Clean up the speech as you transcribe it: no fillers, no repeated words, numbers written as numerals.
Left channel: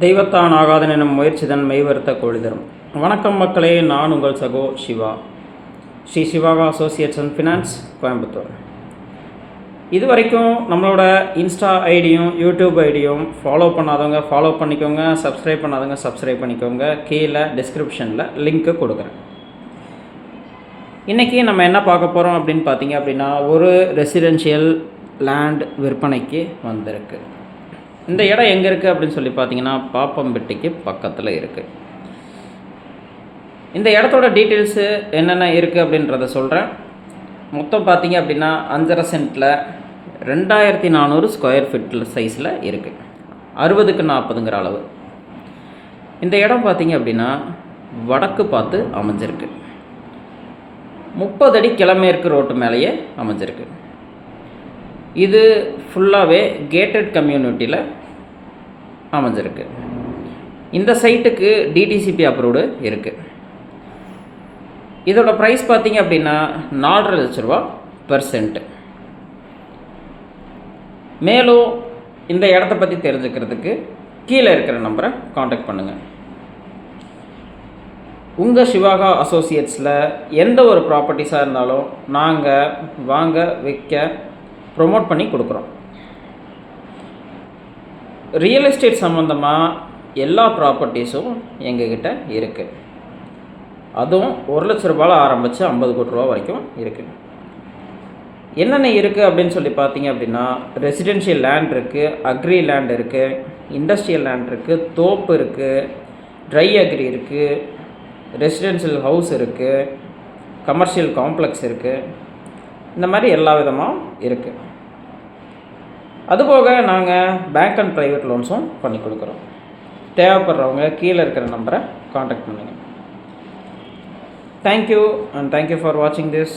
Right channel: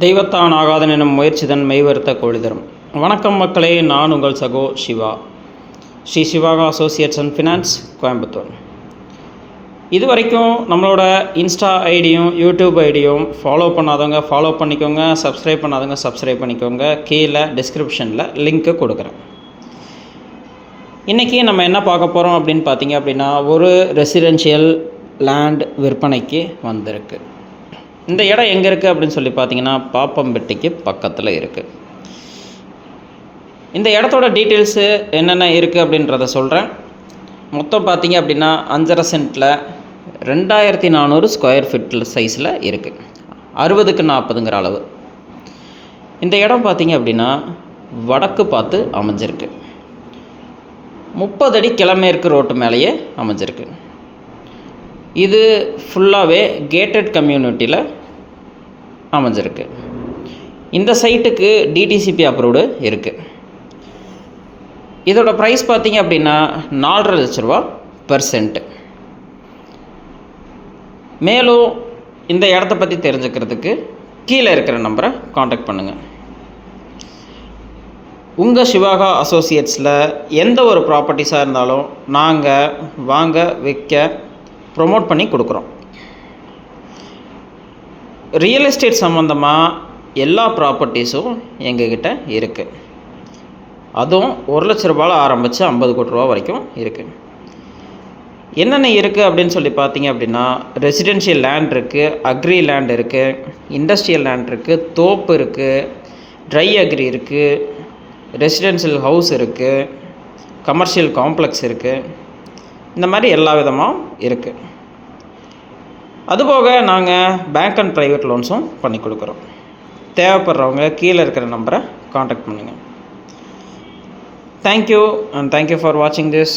தெய்வத்தான் ஆகாதன் எனும் முயற்சிதன் மெய்வருத்த கோழிதரும். வணக்கம் மக்களே, நான் உங்கள் சகோ Siva, Sri Sivaga associates and finance, Coimbatore. இது வரைக்கும் நம்மளோட இன்ஸ்டா ஐடியும் யூடியூப் ஐடியும் ஃபாலோ பண்ணாதவங்க ஃபாலோ பண்ணிக்கோங்க, சப்ஸ்கிரைப் பண்ணாதவங்க சப்ஸ்கிரைப் பண்ணிக்கோங்க. கீழே டிஸ்கிரிப்ஷனில் லிங்க்கு கொடுக்குறேன். இன்றைக்கி நம்ம என்ன பார்க்க போகிறோம் அப்படின்னு பார்த்தீங்க அப்படின்னா, ஒரு ரெசிடென்ஷியல் லேண்ட் விற்பனைக்கு வந்திருக்கு. இந்த இடம் எங்கே இருக்குது அப்படின்னு சொல்லி பார்த்தீங்கன்னா, பாப்பம்பட்டிக்கு பக்கத்தில் இருக்குது. இந்த இடத்தோட டீட்டெயில்ஸு என்னென்ன இருக்குது அப்படின்றத சொல்கிறேன். மொத்தம் பார்த்தீங்க அப்படின்னா 5.5 சென்ட்டில் 2400 ஸ்கொயர் ஃபீட்டில் சைஸில் இருக்குது. 60க்கு 40ங்கிற அளவு. இந்த இடம் பார்த்தீங்க அப்படின்னா வடக்கு பார்த்து அமைஞ்சிருக்கு. 30 அடி கிழமேற்கு ரோட்டு மேலேயே அமைஞ்சிருக்கு. இது ஃபுல்லாகவே கேட்டட் கம்யூனிட்டியில் அமைஞ்சிருக்கு. இந்த சைட்டுக்கு டிடிசிபி அப்ரூவ்டு இருக்குது. இதோட ப்ரைஸ் பார்த்திங்க அப்படின்னா 4.5 லட்ச ரூபா பெர் சென்ட்டு. மேலும் இந்த இடத்த பற்றி தெரிஞ்சுக்கிறதுக்கு கீழே இருக்கிற நம்பரை காண்டாக்ட் பண்ணுங்கள். உங்கள் சிவாகா அசோசியேட்ஸில் எந்த ஒரு ப்ராப்பர்ட்டிஸாக இருந்தாலும் நாங்கள் வாங்க விற்க ப்ரொமோட் பண்ணி கொடுக்குறோம். ரியல் எஸ்டேட் சம்மந்தமாக எல்லா ப்ராப்பர்ட்டிஸும் எங்ககிட்ட இருக்குது. அதுவும் 1 லட்ச ரூபாயில் ஆரம்பித்து 50 கோடி ரூபா வரைக்கும் இருக்குது. என்னென்ன இருக்குது அப்படின்னு சொல்லி பார்த்தீங்க அப்படின்னா, ரெசிடென்ஷியல் லேண்ட் இருக்குது, அக்ரி லேண்ட் இருக்குது, இண்டஸ்ட்ரியல் லேண்ட் இருக்குது, தோப்பு இருக்குது, ட்ரை அக்ரி இருக்குது, ரெசிடென்ஷியல் ஹவுஸ் இருக்குது, கமர்ஷியல் காம்ப்ளெக்ஸ் இருக்குது. இந்த மாதிரி எல்லா விதமாக இருக்குது. அதுபோக நாங்கள் பேங்க் அண்ட் ப்ரைவேட் லோன்ஸும் பண்ணி கொடுக்குறோம். தேவைப்படுறவங்க கீழே இருக்கிற நம்பரை காண்டாக்ட் பண்ணுங்கள். தேங்க்யூ அண்ட் தேங்க்யூ ஃபார் வாட்சிங் திஸ்.